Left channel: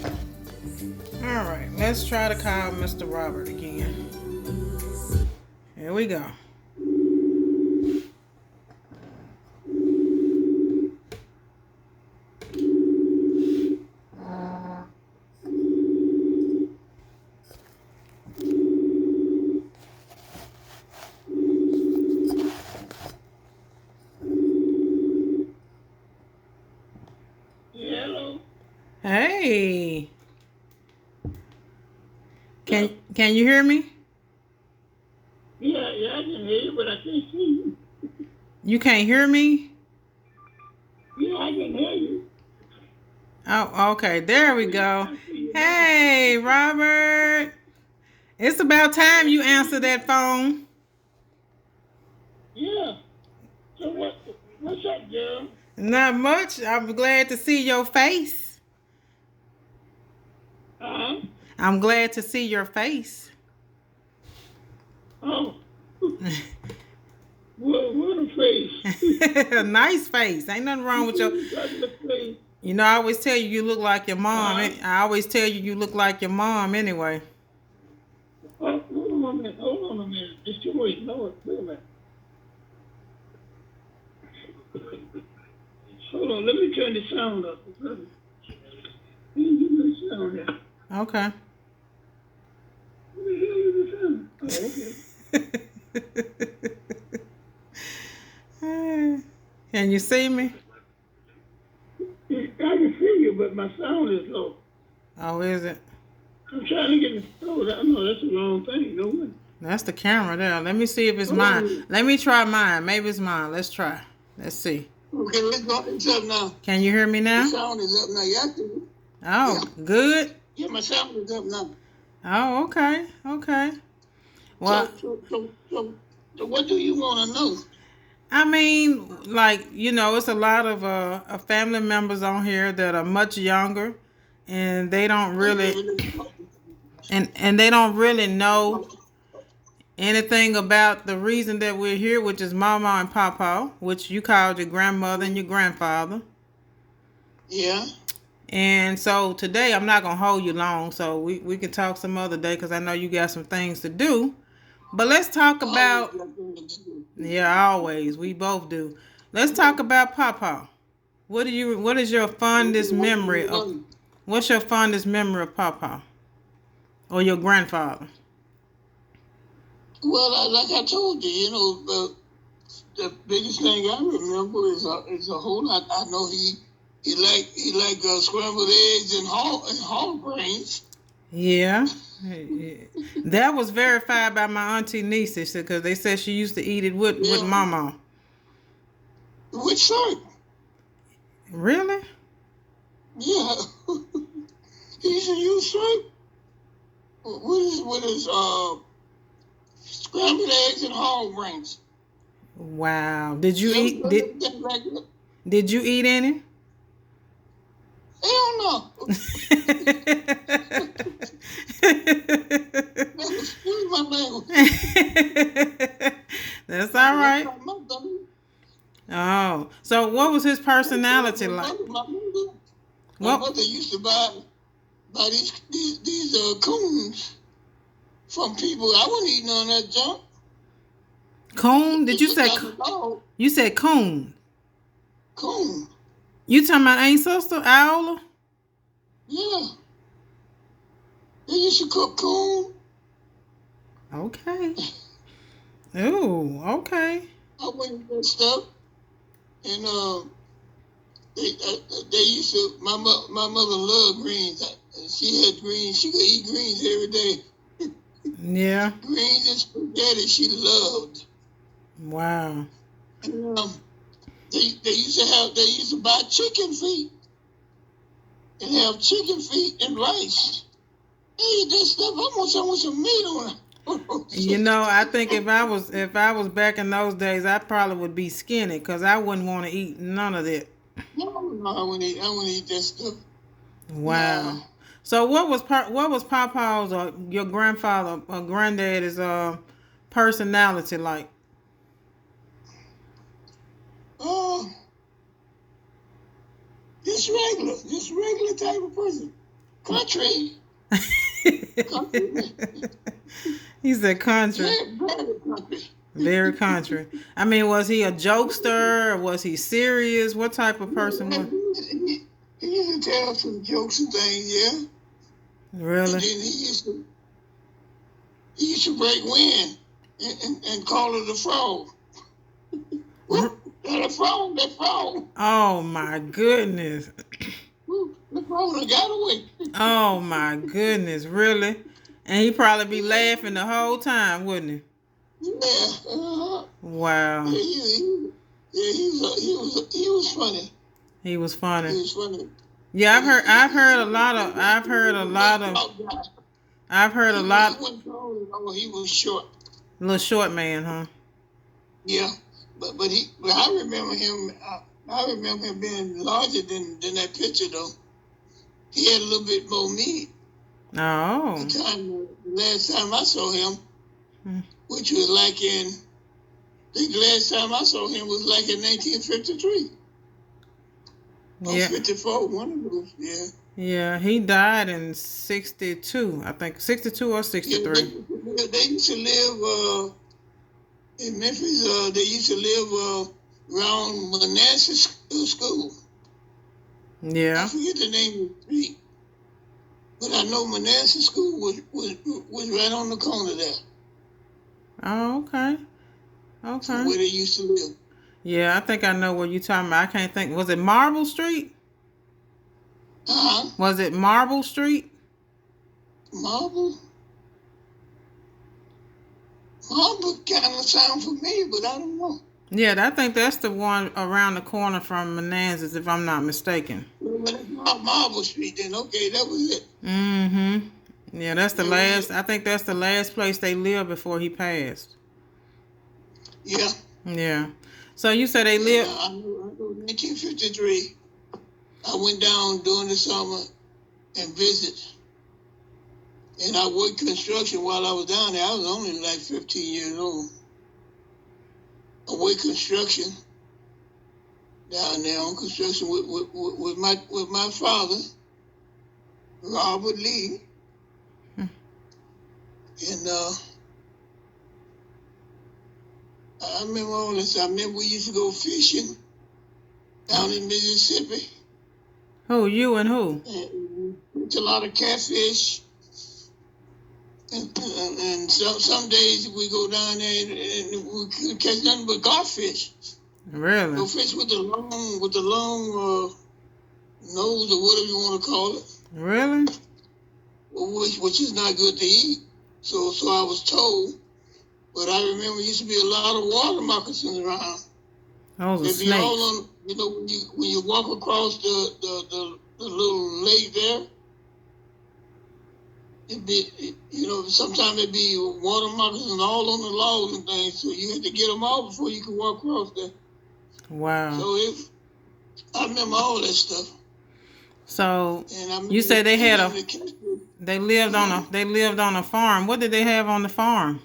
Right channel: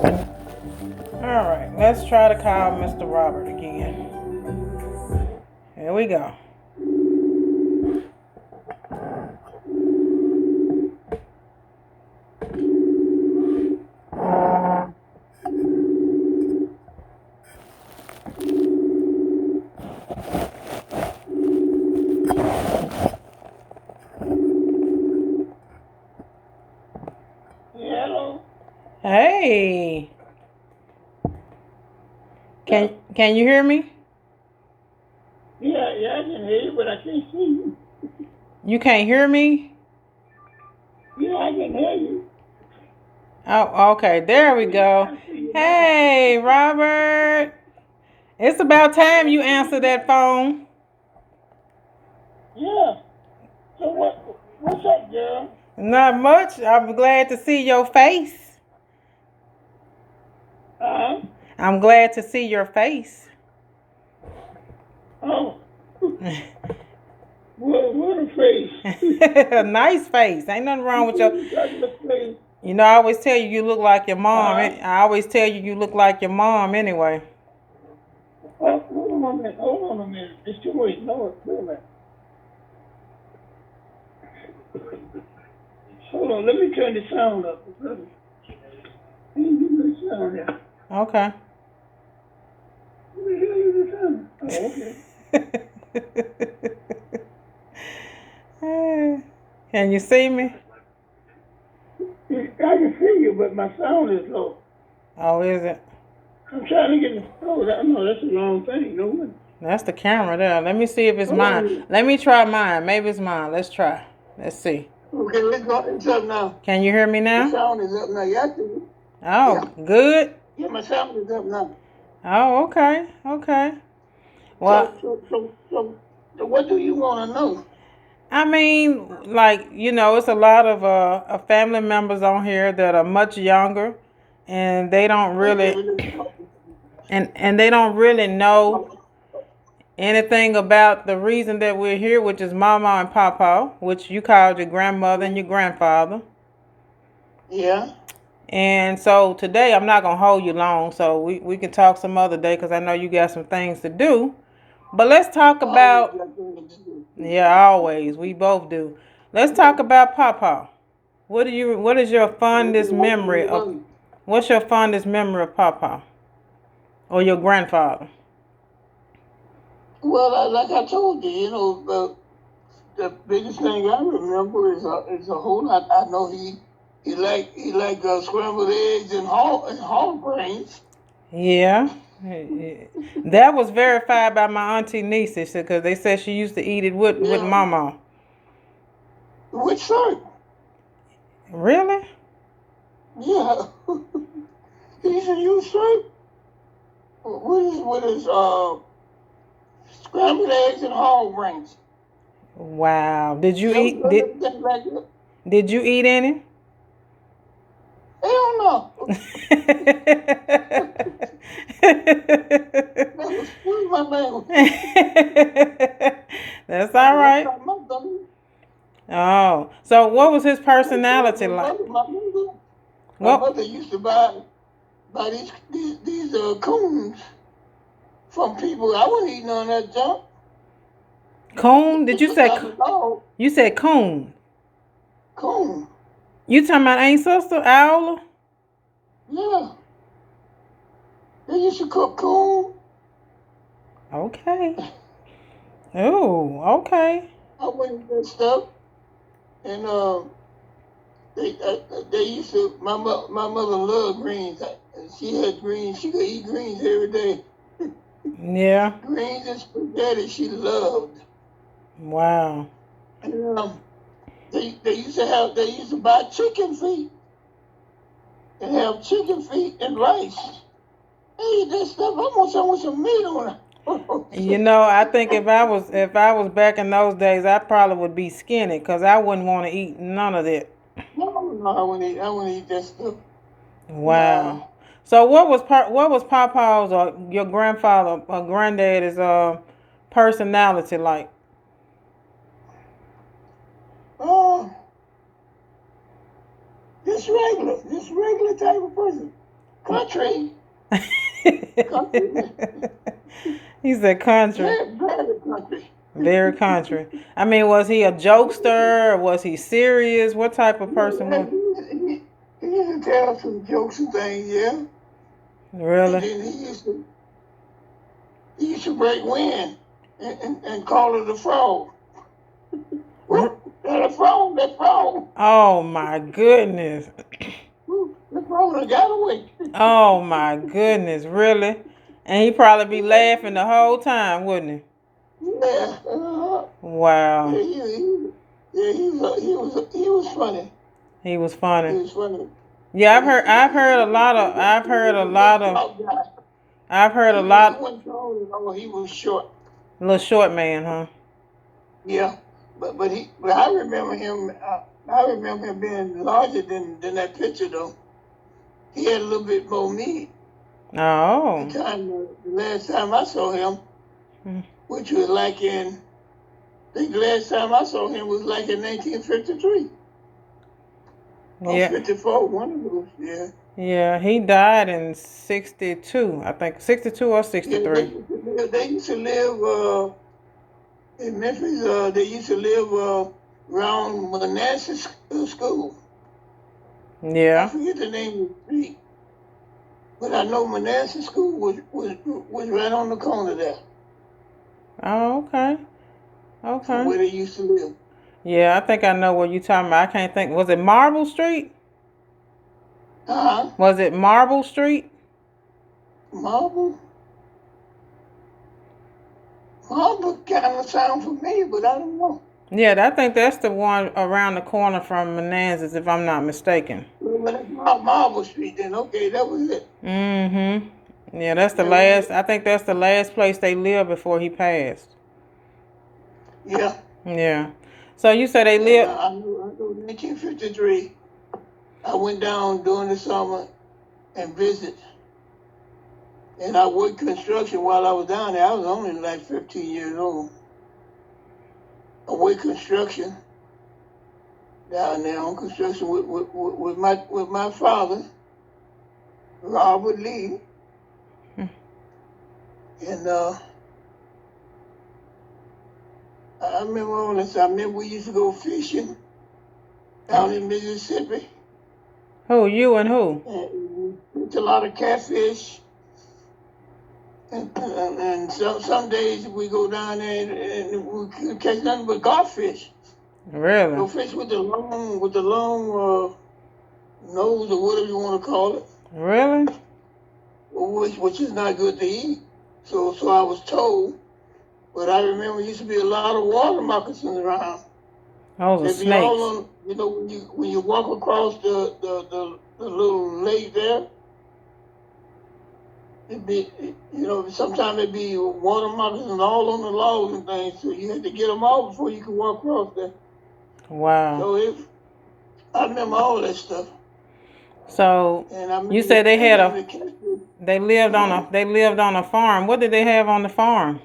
Alright, let's try to call Mr. Robert again. Here we go. Hello. Hey. Can you hear me? Yeah, I can hear you, but I can't see you. You can't hear me? Yeah, I can hear you. Oh, okay. There we go. I see you now. Hey, Robert. It's about time I you see answer you that now. phone. Yeah. So what's up, girl? Not much. I'm glad to see your face. Uh-huh. I'm glad to see your face. Oh. What a face. A nice face. Ain't nothing wrong with your. Regular face. You know, I always tell you you look like your mom. Uh-huh. I always tell you you look like your mom anyway. Oh, hold on a minute. Hold on a minute. It's too late. No, wait a minute. Hold on. Let me turn the sound up. Let me get the sound here. Okay. What the hell is the sound? Oh, okay. Can you see me? I can see you, but my sound is low. Oh, is it? I'm trying to get. Oh, no, that's the wrong thing. No one. That's the camera there. Let me see if it's Hold mine. on. Let me try mine. Maybe it's mine. Let's try. Let's see. Okay, it's up now. Can you hear me The now? sound is up now. Oh, Yeah, good. yeah, my sound is up now. Oh, okay. Okay. Well, So what do you want to know? I mean, like, it's a lot of family members on here that are much younger and they don't Okay, really and they don't really know anything about the reason that we're here, which is Mama and Papa, which you called your grandmother and your grandfather. yeah. And so today I'm not gonna hold you long, so we can talk some other day because I know you got some things to do. But let's talk Always about got things to do. yeah, always we both do. Let's talk about Papa. What is your fondest memory of what's your fondest memory of Papa or your grandfather? Well, like I told you, the biggest thing I remember is a whole lot. I know he like scrambled eggs and hog brains. Yeah. That was verified by my auntie niece because they said she used to eat it with Yeah, mama. with syrup. Really? Yeah, he used to use syrup with his scrambled eggs and hog brains. Wow. Did you Yeah, eat did you eat any? hell no. Excuse my language. That's all right. Oh, so what was his personality like? My Well, mother used to buy these coons from people. I wouldn't eat none of that junk. coon? Did you She say got the dog you said coon? coon. You talking about ain't sister Iola? Yeah, they used to cook coon. Okay. Oh, okay. I went and that stuff, and they used to. My mother loved greens. She had greens. She could eat greens every day. Yeah. Greens and spaghetti she loved. Wow. And they used to buy chicken feet and have chicken feet and rice. Hey, that stuff. I want some meat on it. I think if I was back in those days, I probably would be skinny because I wouldn't want to eat none of that. No, I wouldn't eat that stuff. Wow. No. So what was Papa's or your grandfather or granddaddy's personality like? Oh, just regular type of person. country. Country. He said country. Very, very country. Very country. I mean, was he a jokester? Or was he serious? What type of person was He used to tell some jokes and things, yeah. And really? then he used to break wind and call it a frog. That frog, that frog. Oh my goodness. That frog done got away. Oh my goodness, really? And he probably be laughing the whole time, wouldn't Yeah. he? Wow. Yeah, he was funny. He was He funny. was funny. Yeah, I've heard a lot of He wasn't tall at all. He was short. little short man, huh? Yeah, but I remember him. I remember him being larger than that picture though. He had a little bit more meat. Oh. The last time I saw him, Hmm. which was like I think the last time I saw him was like in 1953 or Yeah. 54. One of those. Yeah. Yeah, he died in 62, I think. 62 or Yeah, 63. they used to live in Memphis. They used to live around Manassas School. I Yeah. forget the name of the street, but I know Manassas School was right on the corner there, Oh, okay. Okay. where they used to live. Yeah, I think I know what you're talking about. I can't think. Was it Marble Street? Was it Marble Street? Marble kind of sound familiar, but I don't know. Yeah, I think that's the one around the corner from Manassas, if I'm not mistaken. Well, that's Marble Street then. Okay, that was it. Mm-hmm. Yeah, that's the last. I think that's the last place they lived before he passed. Yeah. Yeah. So you said they lived. I know 1953. I went down during the summer and visited. And I worked construction while I was down there. I was only like 15 years old. I worked construction down there on construction with my father, Robert Lee. And I remember all this. I remember we used to go fishing down in Mississippi. Who, you and who? And it's a lot of catfish. And some days we go down there and we couldn't catch nothing but garfish. Really? No fish with the long nose or whatever you want to call it. Really? Which is not good to eat. So I was told. But I remember there used to be a lot of water moccasins around. Those are They'd be all snakes. on, you know, when you walk across the little lake there, it'd be, you know, sometimes it'd be water moccasins all on the logs and things, so you had to get them all before you could walk across there. Wow. So I remember all that stuff. So And I you said they had a they lived on a farm. What did they have on the farm?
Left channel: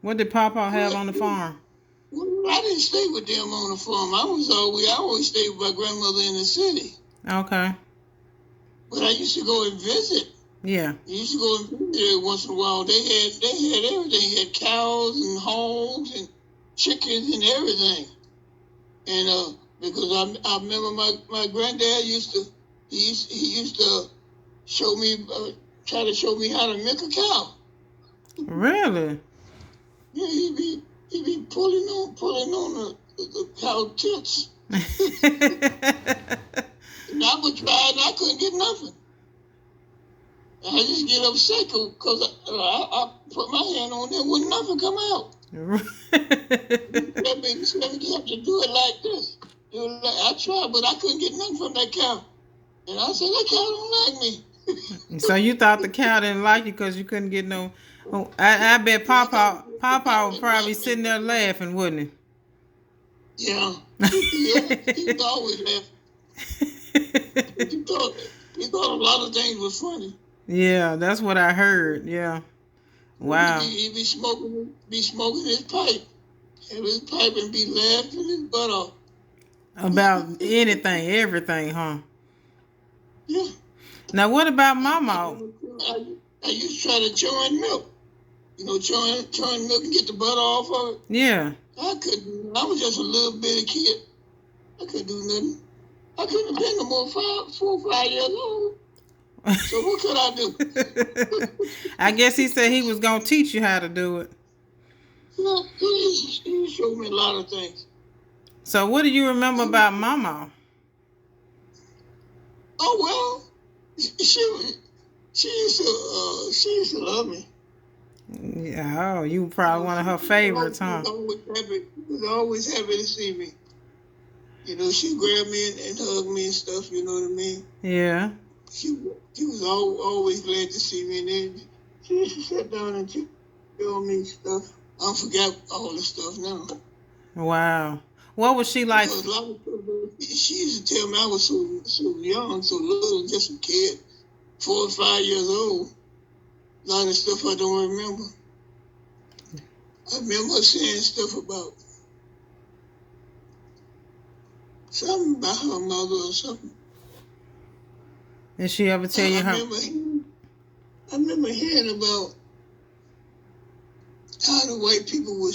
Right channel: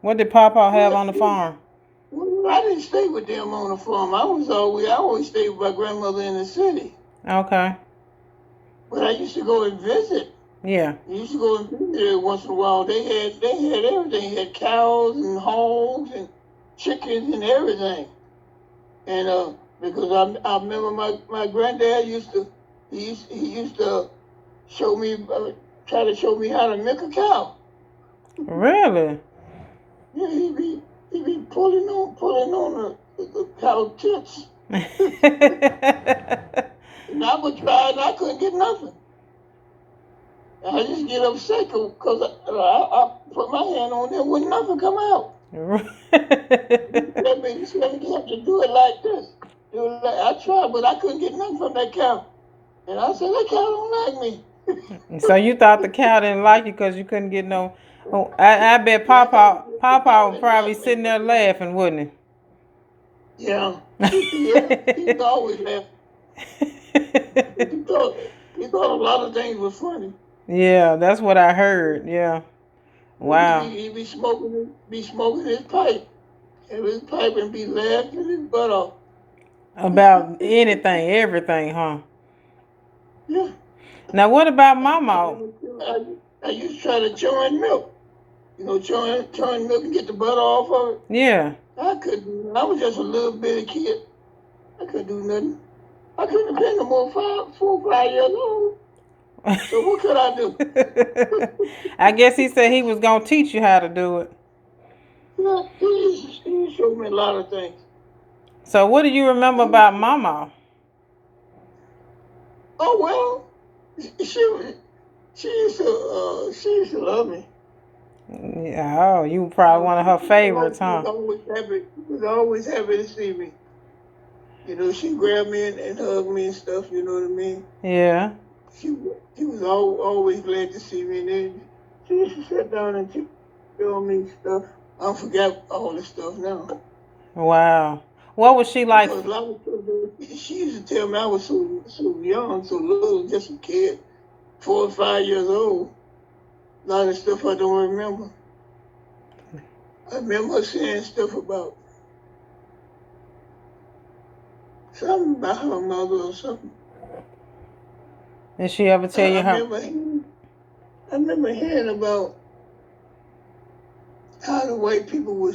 What did Papa have on the farm? Well, I didn't stay with them on the farm. I always stayed with my grandmother in the city. Okay. But I used to go and visit. Yeah. I used to go and visit there once in a while. They had everything. They had cows and hogs and chickens and everything. And because I remember my granddad used to show me, try to show me how to milk a cow. Really? Yeah, he'd be pulling on the cow tits. And I would try and I couldn't get nothing. And I just get upset because I put my hand on there, wouldn't nothing come out. He said, you have to do it like this. I tried, but I couldn't get nothing from that cow. And I said, that cow don't like me. So you thought the cow didn't like you because you couldn't get no. Oh, I bet Papa was probably sitting there laughing, wouldn't Yeah. He was always laughing. He thought a lot of things were funny. Yeah, that's what I heard. Yeah. Wow. He'd be smoking his pipe. Have his pipe and be laughing his butt off. About anything, everything, huh? Yeah. Now, what about Mama? I used to try to churn milk. You know, churn milk and get the butter off of it. Yeah. I couldn't. I was just a little bitty kid. I couldn't do nothing. I couldn't have been no more 4 or 5 years old. So what could I do? I guess he said he was gonna teach you how to do it. Yeah, he showed me a lot of things. So what do you remember about Mama? Oh well, she used to love me. Yeah, oh, you were probably one of her favorites, huh? She was always happy to see me. You know, she grabbed me and hugged me and stuff. You know what I mean? Yeah. She was always glad to see me, and then she used to sit down and tell me stuff. I forgot all this stuff now. Wow. What was she like? Because a lot of people, she used to tell me I was so young, so little, just a kid, 4 or 5 years old. A lot of stuff I don't remember. I remember her saying stuff about something about her mother or something. Did she ever tell you how? I remember hearing about how the white people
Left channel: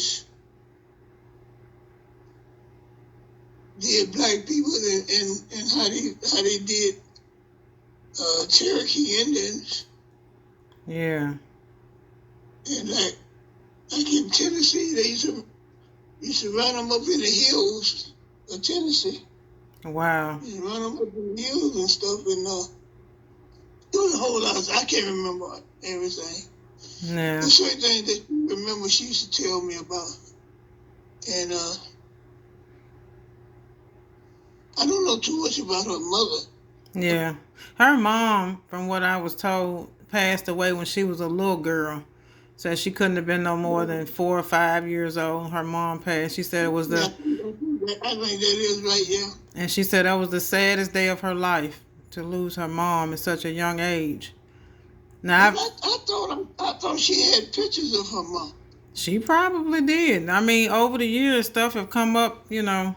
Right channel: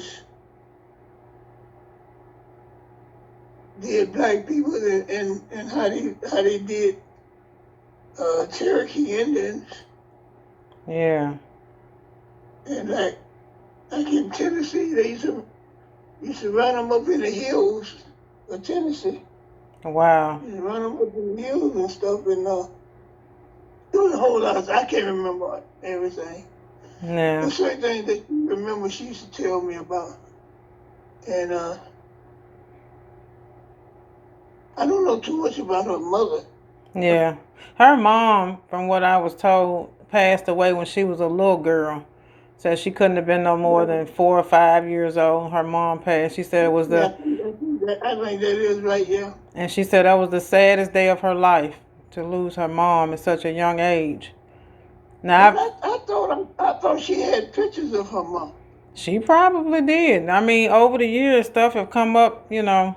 did black people and how they did Cherokee Indians. Yeah. And like in Tennessee, they used to run them up in the hills of Tennessee. Wow. Used to run them up in the hills and stuff, and there was a whole lot. I can't remember everything. Yeah. There's certain things that you remember she used to tell me about, and I don't know too much about her mother. Yeah. Her mom, from what I was told, passed away when she was a little girl. So she couldn't have been no more than 4 or 5 years old. Her mom passed. She said it was I think that is right, yeah. And she said that was the saddest day of her life, to lose her mom at such a young age. Now, I thought she had pictures of her mom. She probably did. I mean, over the years, stuff have come up, you know.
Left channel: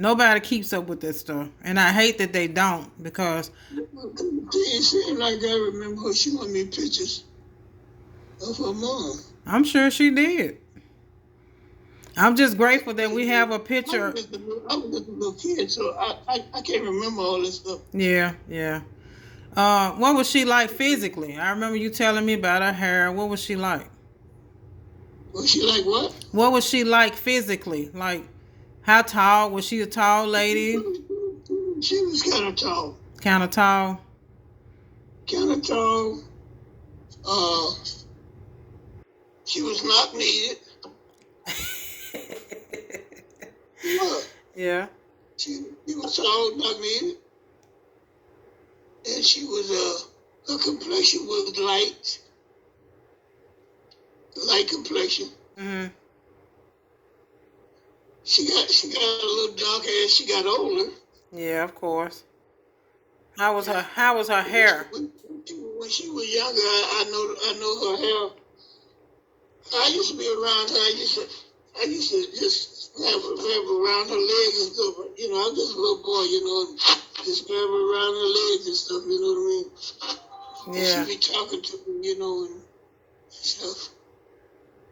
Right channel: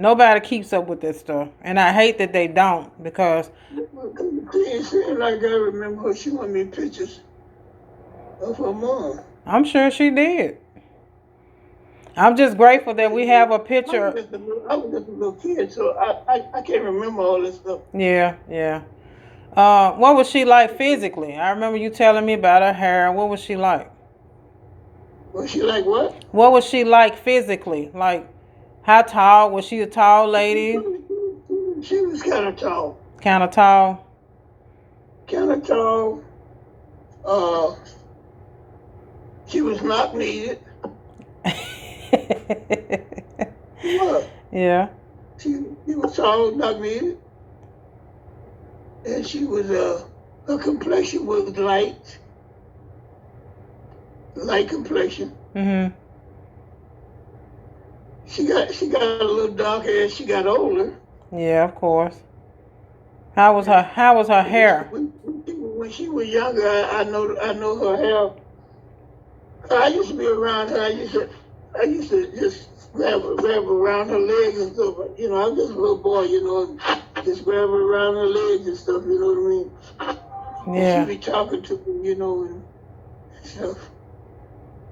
Nobody keeps up with that stuff. And I hate that they don't, because It seemed like I remember her showing me pictures of her mom. I'm sure she did. I'm just grateful that we have a picture. I was just a little kid, so I can't remember all this stuff. Yeah. What was she like physically? I remember you telling me about her hair. What was she like? Was she like what? What was she like physically? Like, how tall? Was she a tall lady? She was kind of tall. Kind of tall? Kind of tall. She was not needed. What? Yeah. She was tall, not needed. And she was, her complexion was light complexion. Mm-hmm. She got a little darker as she got older. Yeah, of course. How was her hair? When she was younger, I know her hair. I used to be around her. I used to just grab around her legs and stuff. You know, I'm just a little boy, you know, just grab her around her legs and stuff. You know what I mean? Yeah. And she'd be talking to me, you know, and stuff.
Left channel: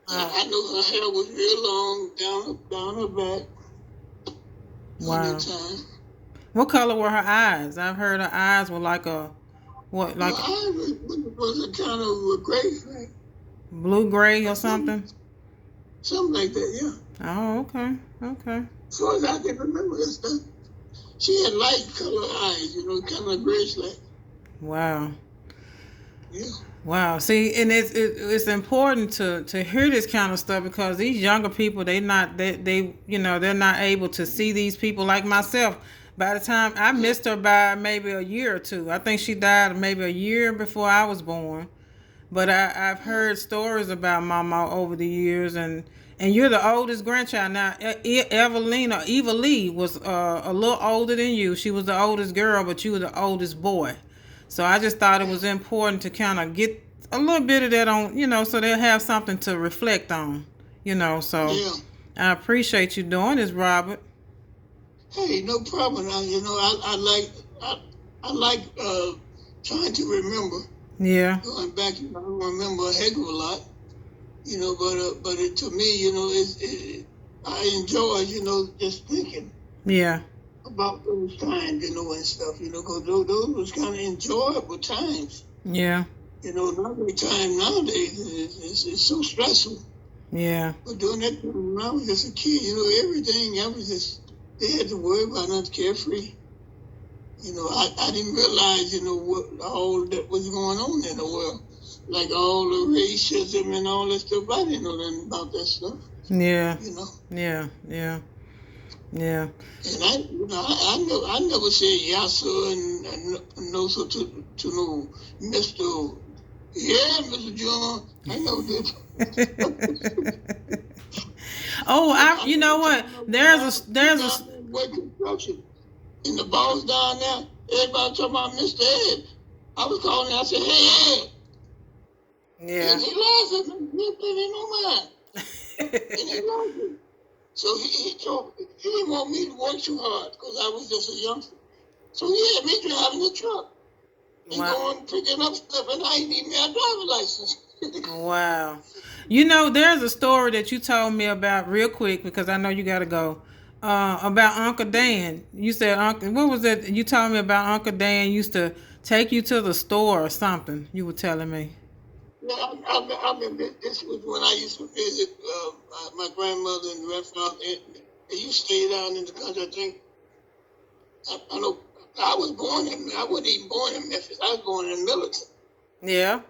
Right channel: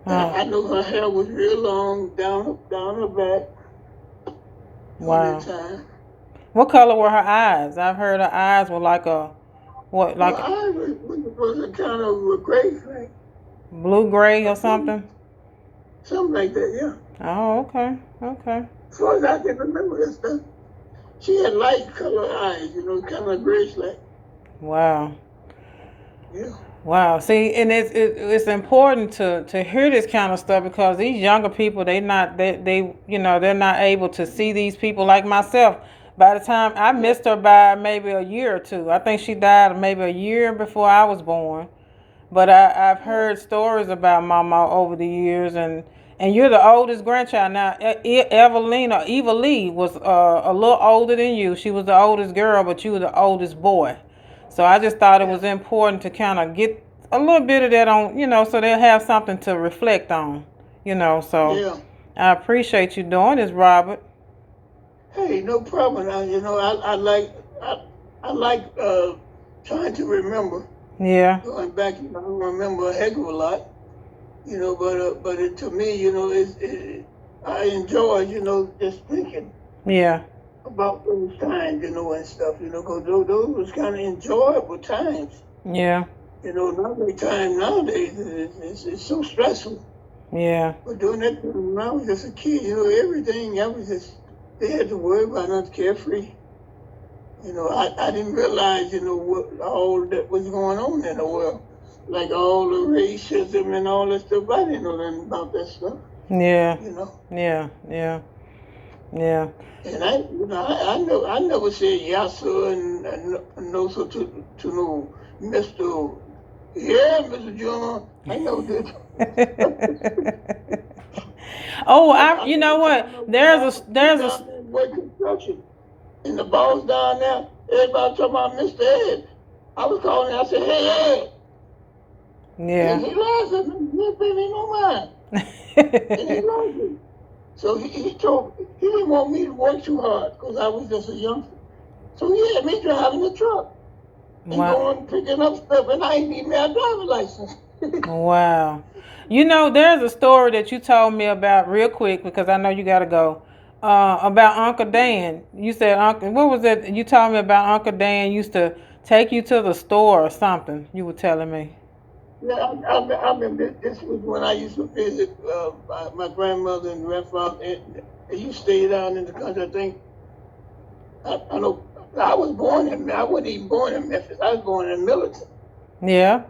I know her hair was real long down her back. Wow. All the time. What color were her eyes? I've heard her eyes were like a what? Like her eyes was a kind of a gray, right? Blue gray or something? Something like that, yeah. Oh, okay. As far as I can remember this stuff, she had light colored eyes, you know, kind of grayish like. Wow. Yeah. Wow. See, and it's important to hear this kind of stuff, because these younger people, they're not able to see these people like myself. By the time I missed her by maybe a year or two. I think she died maybe a year before I was born. But I've heard stories about Mama over the years, and you're the oldest grandchild. Now, Eva Lee was a little older than you. She was the oldest girl, but you were the oldest boy. So I just thought it was important to kind of get a little bit of that on, you know, so they'll have something to reflect on, you know. So yeah. I appreciate you doing this, Robert. Hey, no problem. You know, I like trying to remember. Yeah. Going back, I don't remember a heck of a lot, but to me, I enjoy, just thinking Yeah. about those times, and stuff, because those was kind of enjoyable times. Yeah. Nowadays it's so stressful. Yeah. But during that time, when I was just a kid, everything, I was just, they had to worry about nothing, carefree. I didn't realize, what all that was going on in the world. Like all the racism and all that stuff. I didn't know nothing about that stuff. Yeah. Yeah. Yeah. And I never said yes sir and no sir to no Mr. Yeah, Mr. John. I never did. Oh, you know what? There's a work construction. And the boss down there, everybody talking about Mr. Ed. I was calling him, I said, hey, Ed. Yeah. And he laughed at me. He didn't pay me no mind. And he loved me. So he told me, he didn't want me to work too hard because I was just a youngster. So he had me driving the truck and going picking up stuff, and I ain't even had a driver's license. Wow. There's a story that you told me about real quick because I know you got to go. About Uncle Dan. You said what was it? You told me about Uncle Dan used to take you to the store or something. You were telling me. Yeah, I remember this was when I used to visit my grandmother and grandfather. And you stay down in the country, I think. I know I was born I wasn't even born in Memphis. I was born in Millerton. Yeah.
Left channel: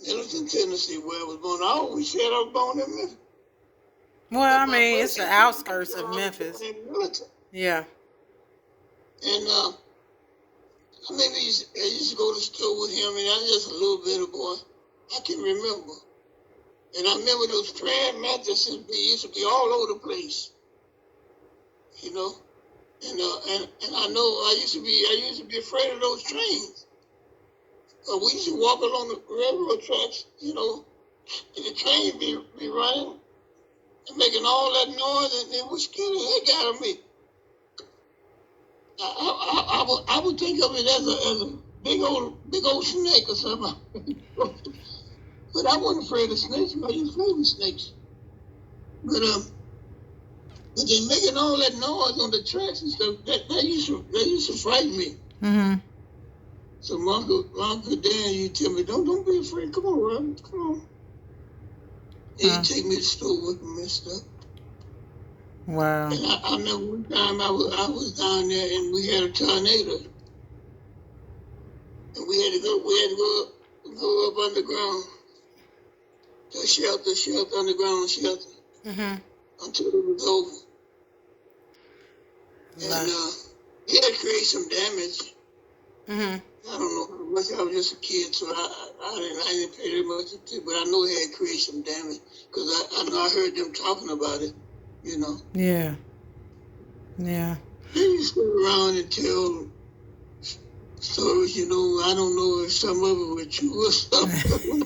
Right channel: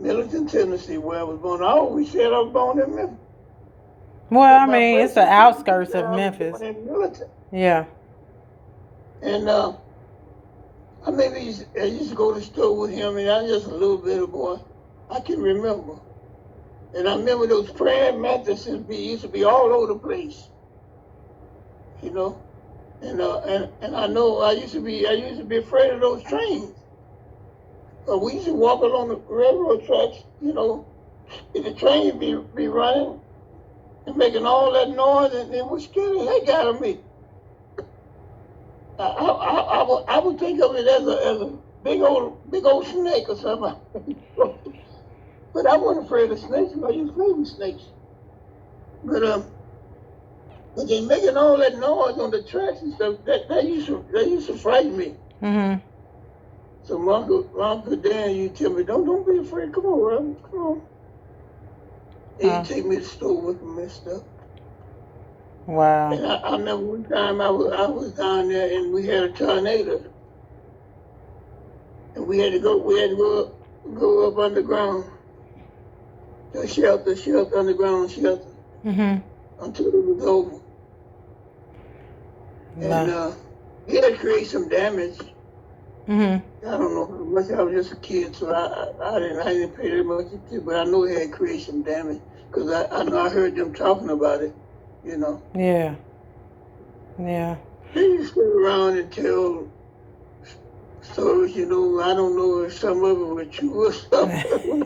Millerton, Tennessee, where I was born. I always said I was born in Memphis. Well, I mean, it's the outskirts of Memphis. In Millerton. Yeah. And I used to go to the store with him, and I was just a little bit of boy. I can remember. And I remember those praying mattresses used to be all over the place. And I know I used to be afraid of those trains. We used to walk along the railroad tracks, and the train be running and making all that noise, and it was scaring the heck out of me. I would think of it as a big old snake or something. But I wasn't afraid of snakes. I used to play with snakes. But they making all that noise on the tracks and stuff. That used to frighten me. Mm-hmm. So my uncle Dan, you tell me, don't be afraid. Come on, Robin, come on. And he'd take me to the store with him and stuff. Wow. And I remember one time I was down there and we had a tornado. And we had to go up underground. To shelter, underground shelter. Mm-hmm. Until it was over. Wow. And he had created some damage. Mm-hmm. I don't know how much. I was just a kid, so I didn't pay that much attention. But I know he had created some damage because I heard them talking about it. Yeah. Yeah. They used to go around and tell stories. I don't know if some of it were true or something.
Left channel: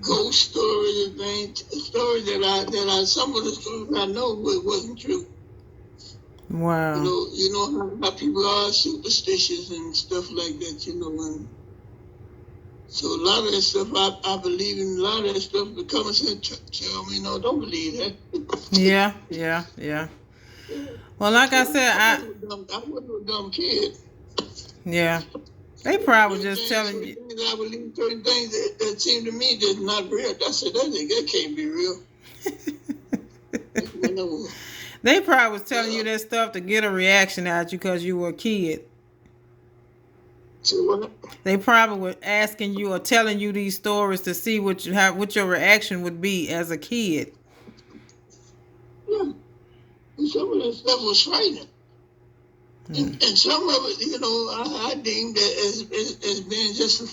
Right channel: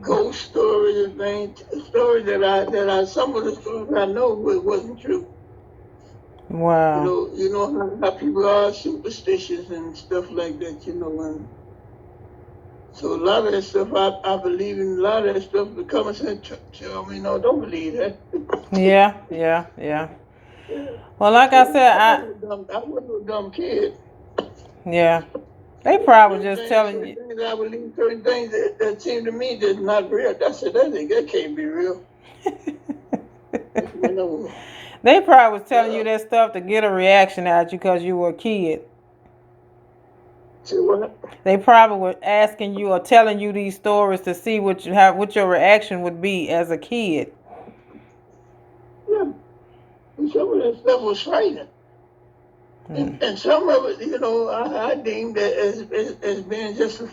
Ghost stories and things. Stories that some of the stories I know wasn't true. Wow. You know how people are superstitious and stuff like that, And so a lot of that stuff, I believe in. A lot of that stuff, the common sense tell me, no, don't believe that. Yeah. Well, like I said, I wasn't a dumb kid. Yeah. They probably just telling you. I believe certain things that seem to me that's not real. I said, that can't be real. They probably was telling you that stuff to get a reaction out you because you were a kid. See what? They probably were asking you or telling you these stories to see what your reaction would be as a kid. Yeah. And some of that stuff was frightening. And some of it, I deemed it as being just a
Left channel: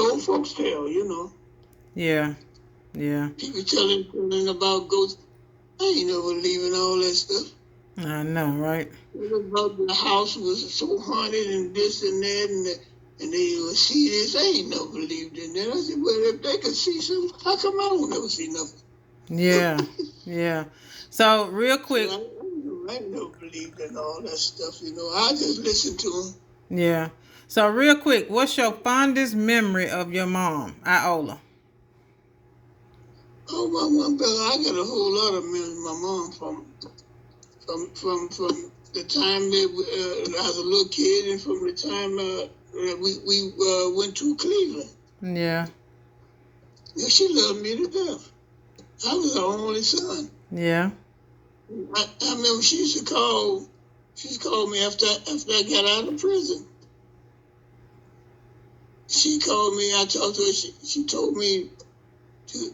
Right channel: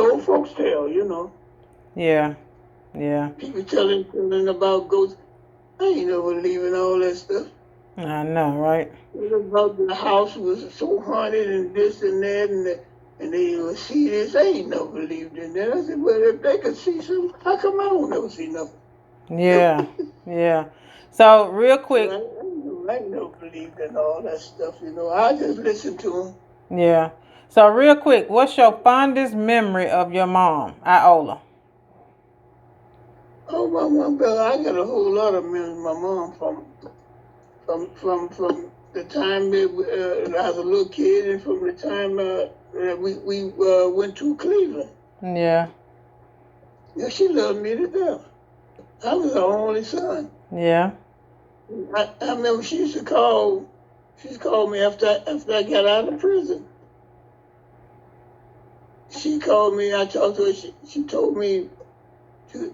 old folks tale, Yeah. People telling about ghosts. I ain't never believing all that stuff. I know, right? About the house was so haunted and this and that, and they would see this. I ain't never believed in that. I said, well, if they could see something, how come I don't never see nothing? Yeah. So real quick. So never believed in all that stuff, you know. I just listened to him. Yeah. So real quick, what's your fondest memory of your mom, Iola? Oh, my mom, I got a whole lot of memories of my mom from the time that I was a little kid, and from the time that we went to Cleveland. Yeah. Yeah, she loved me to death. I was her only son. Yeah. I remember she used to call me after I got out of prison. She called me. I talked to her. She told me to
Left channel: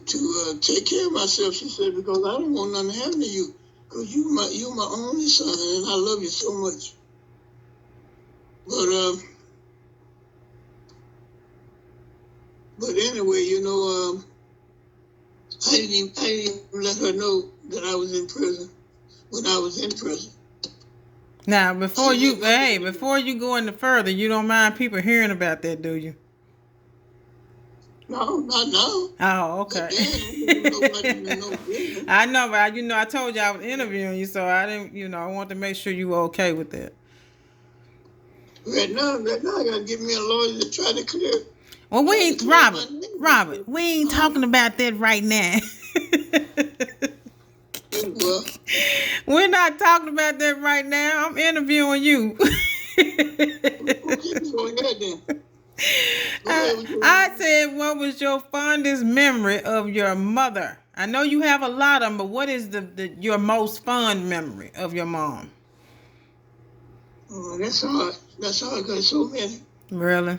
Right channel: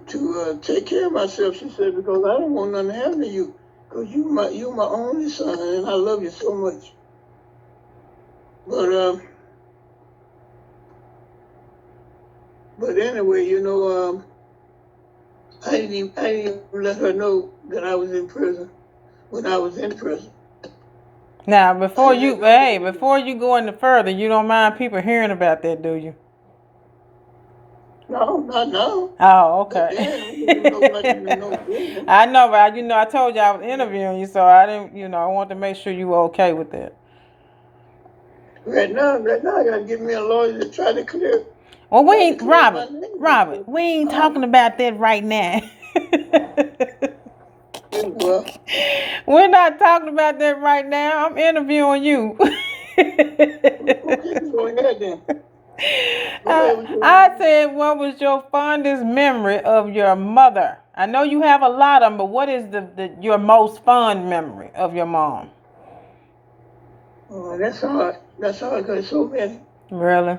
take care of myself. She said, because I don't want nothing to happen to you, because you my only son, and I love you so much. But anyway, you know, I didn't even let her know that I was in prison when I was in prison. Now, before you go any further, you don't mind people hearing about that, do you? No, not now. Oh, okay. I know, but I told you I was interviewing you, so I didn't, I want to make sure you were okay with that. Right now, I gotta get me a lawyer to try to clear. Well, Robert, we ain't talking about that right now. Well, we're not talking about that right now. I'm interviewing you. Okay, go ahead then. I said, what was your fondest memory of your mother? I know you have a lot of them, but what is your most fond memory of your mom? Oh, that's hard. That's hard because so many. Really?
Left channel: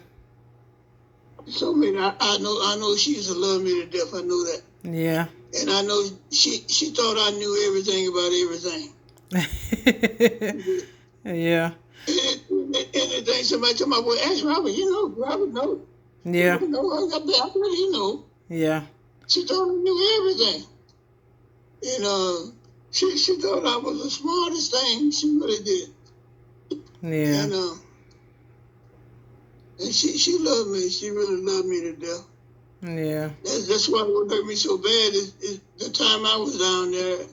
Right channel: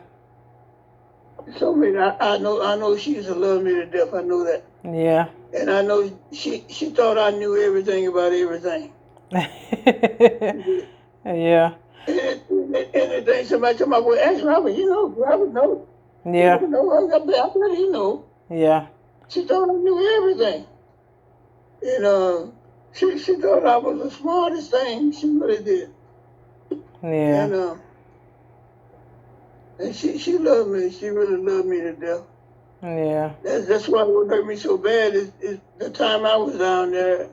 So many. I know she used to love me to death. I know that. Yeah. And I know she thought I knew everything about everything. Yeah. Anything somebody told me, well, ask Robert. Robert know. Yeah. I bet he know. Yeah. She thought I knew everything. And she thought I was the smartest thing. She really did. Yeah. And she loved me. She really loved me to death. Yeah. That's why what hurt me so bad is the time I was down there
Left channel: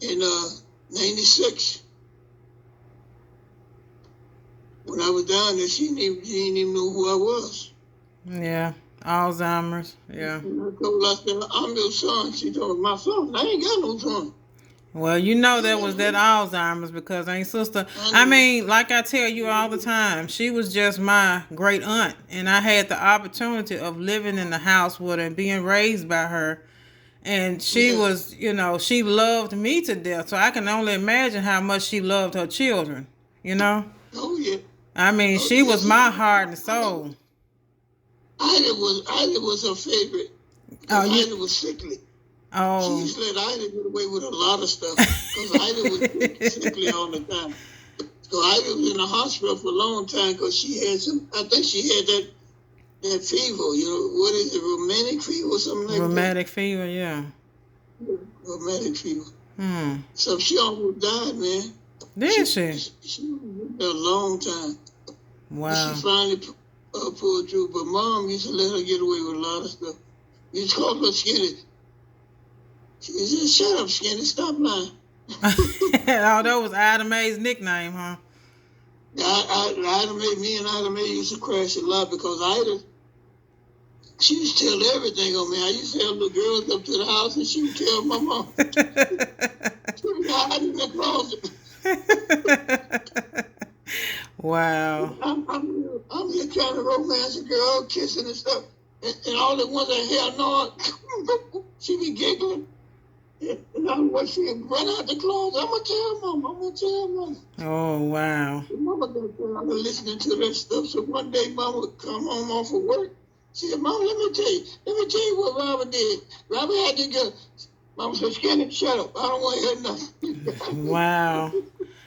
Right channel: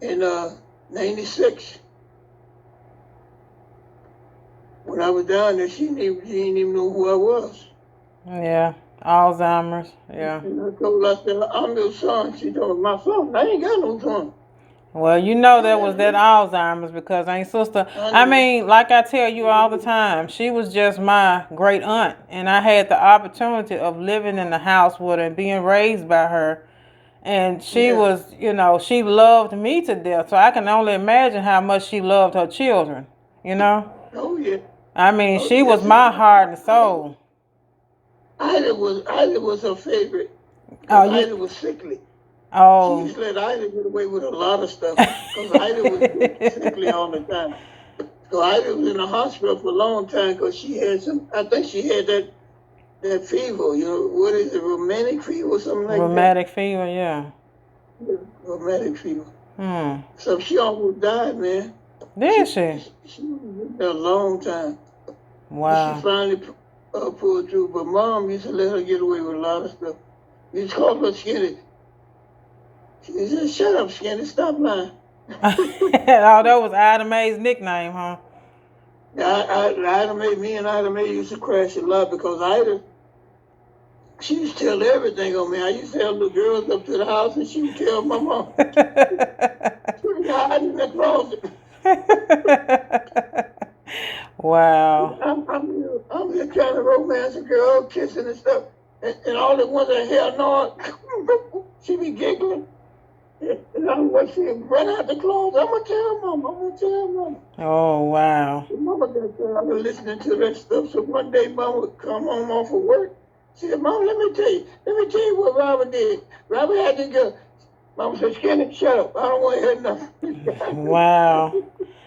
in '96. When I was down there, she didn't even know who I was. Yeah. Alzheimer's. Yeah. And I told her, I said, I'm your son. She told me, my son? I ain't got no son. Well, there was that Alzheimer's because ain't sister. I mean, like I tell you all the time, she was just my great aunt, and I had the opportunity of living in the house with her and being raised by her. And she was, she loved me to death. So I can only imagine how much she loved her children, Oh, yeah. I mean, she was my heart and soul. Ida was her favorite. Ida was sickly. Oh. She used to let Ida get away with a lot of stuff because Ida was sickly all the time. So Ida was in the hospital for a long time because she had I think she had that fever, what is it, rheumatic fever or something like that? Rheumatic fever, yeah. Rheumatic fever. So she almost died, man. Did she? She was there a long time. Wow. She finally pulled through, but Mom used to let her get away with a lot of stuff. We used to call her Skinny. She said, shut up, Skinny, stop lying. Oh, that was Ida Mae's nickname, huh? Yeah, me and Ida Mae used to crash a lot because Ida, she used to tell everything on me. I used to have the girls up to the house and she would tell my mom. She would hide in the closet. Wow. I'm just trying to romance a girl, kissing and stuff. And all the ones that hell no, she be giggling. And I'm like, she run out the closet. I'm going to tell Mama. Oh, wow. Mama got tired of listening to that stuff. So one day, Mama would come home off of work. She said, Mama, let me tell you what Robert did. Robert had to go. Mama said, Skinny, shut up. I don't want to hear nothing. Wow.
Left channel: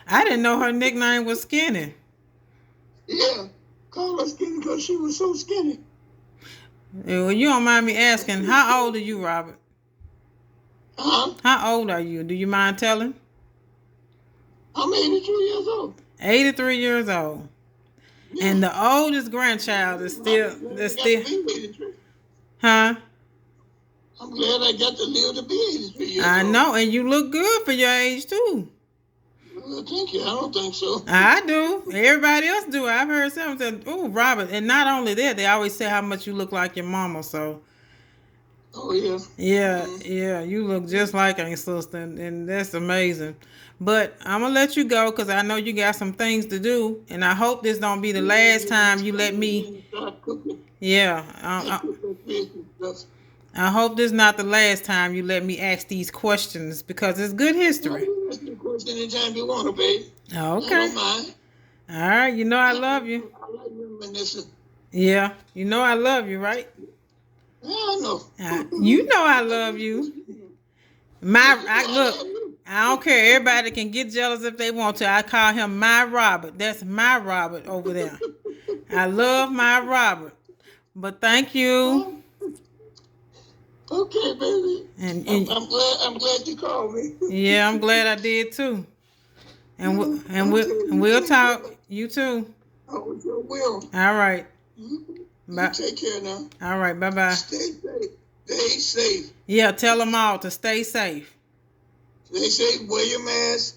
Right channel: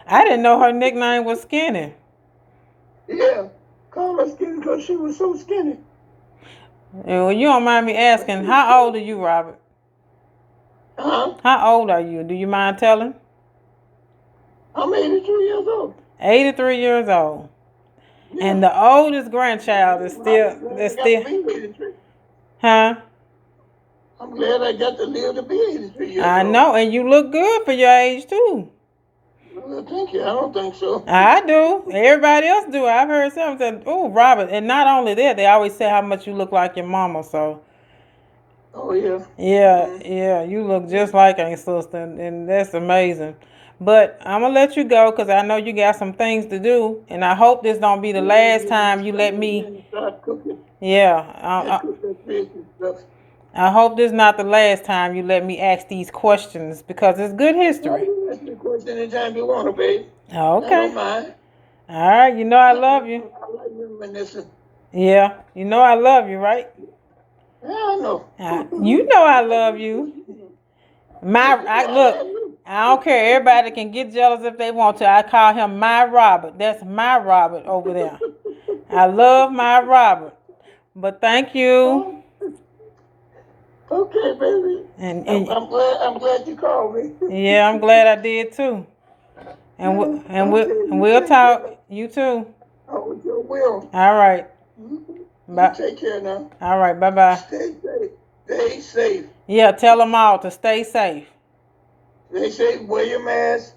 I didn't know her nickname was Skinny. Yeah. Call her Skinny because she was so skinny. Yeah, well, you don't mind me asking, how old are you, Robert? Huh? How old are you? Do you mind telling? I'm 83 years old. 83 years old. Yeah. And the oldest grandchild is still... Huh? I'm glad I got to live to be 83 years old. I know, and you look good for your age, too. Well, thank you. I don't think so. I do. Everybody else do. I've heard some say, "Oh, Robert," and not only that, they always say how much you look like your mama. So Oh yeah. yeah, Mhm. yeah, you look just like Aunt Sister, and that's amazing. But I'm gonna let you go because I know you got some things to do, and I hope this don't be the last time you let me. Start cooking Yeah, and cook that fish and stuff. I hope this not the last time you let me ask these questions because it's good Now, history. you ask me a question anytime you want to, babe. I don't Okay. mind. All right. You know I love you. I like reminiscing. Yeah. You know I love you, right? Hell no. You know I love you. Look. I don't care. Everybody can get jealous if they want to. I call him my Robert. That's my Robert over there. I love my Robert. But thank you. Okay, baby. And I'm glad you called me. yeah, I'm glad I did too. We'll talk. You too. Oh, with your will. All right. You Bye. take care now. All right. Bye bye. Stay safe. Stay safe. Yeah. Tell them all to stay safe. Stay safe. Wear your mask.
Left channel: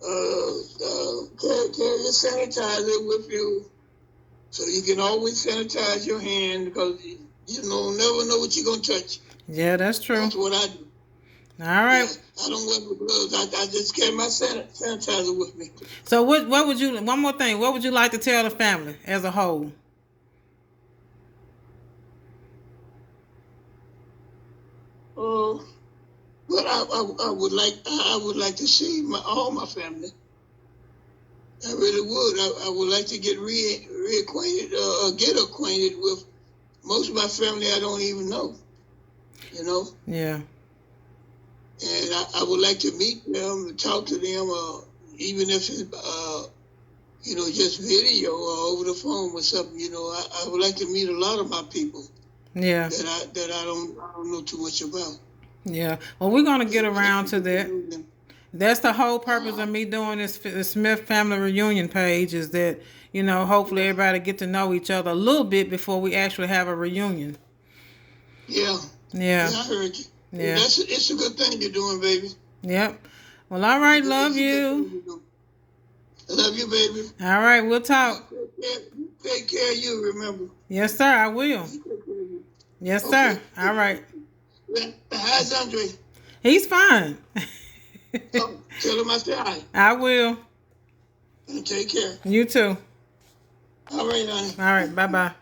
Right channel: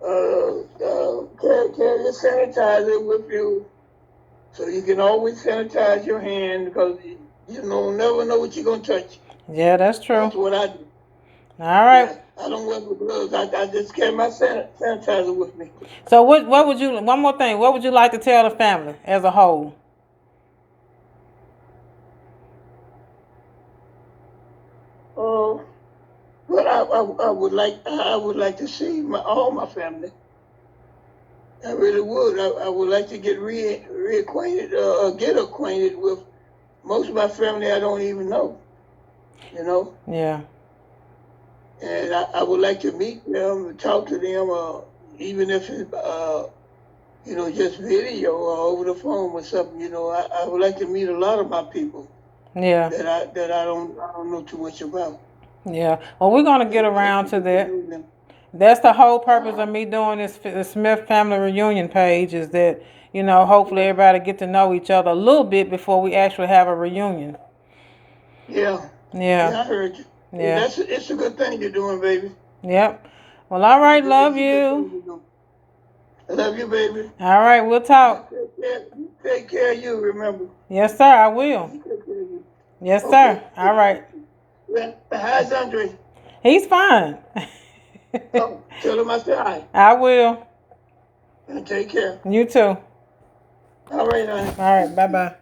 Carry your sanitizer with you, so you can always sanitize your hand because you never know what you're gonna touch. Yeah, that's true. That's what I do. All right. Yeah, I don't wear the gloves. I just carry my sanitizer with me. So what would you? One more thing. What would you like to tell the family as a whole? But I would like to see all my family. I really would. I would like to get reacquainted, get acquainted with most of my family I don't even know. You know. Yeah. And I would like to meet them, talk to them, even if it's just video or over the phone or something. I would like to meet a lot of my people. Yeah. That I don't know too much about. Yeah. Well, we're gonna get around to that. That's the whole purpose of me doing this the Smith Family Reunion page is that, hopefully everybody get to know each other a little bit before we actually have a reunion. Yeah. Yeah. I heard you. Yeah. It's a good thing you're doing, baby. Yep. Well, all right. Love you. I love you, baby. All right. We'll talk. Take care of you, remember. Yes, sir. I will. Yes, sir. All right. How's Andre? He's fine. Tell him I said hi. I will. And take care. You too. All right, honey. All right. Bye-bye.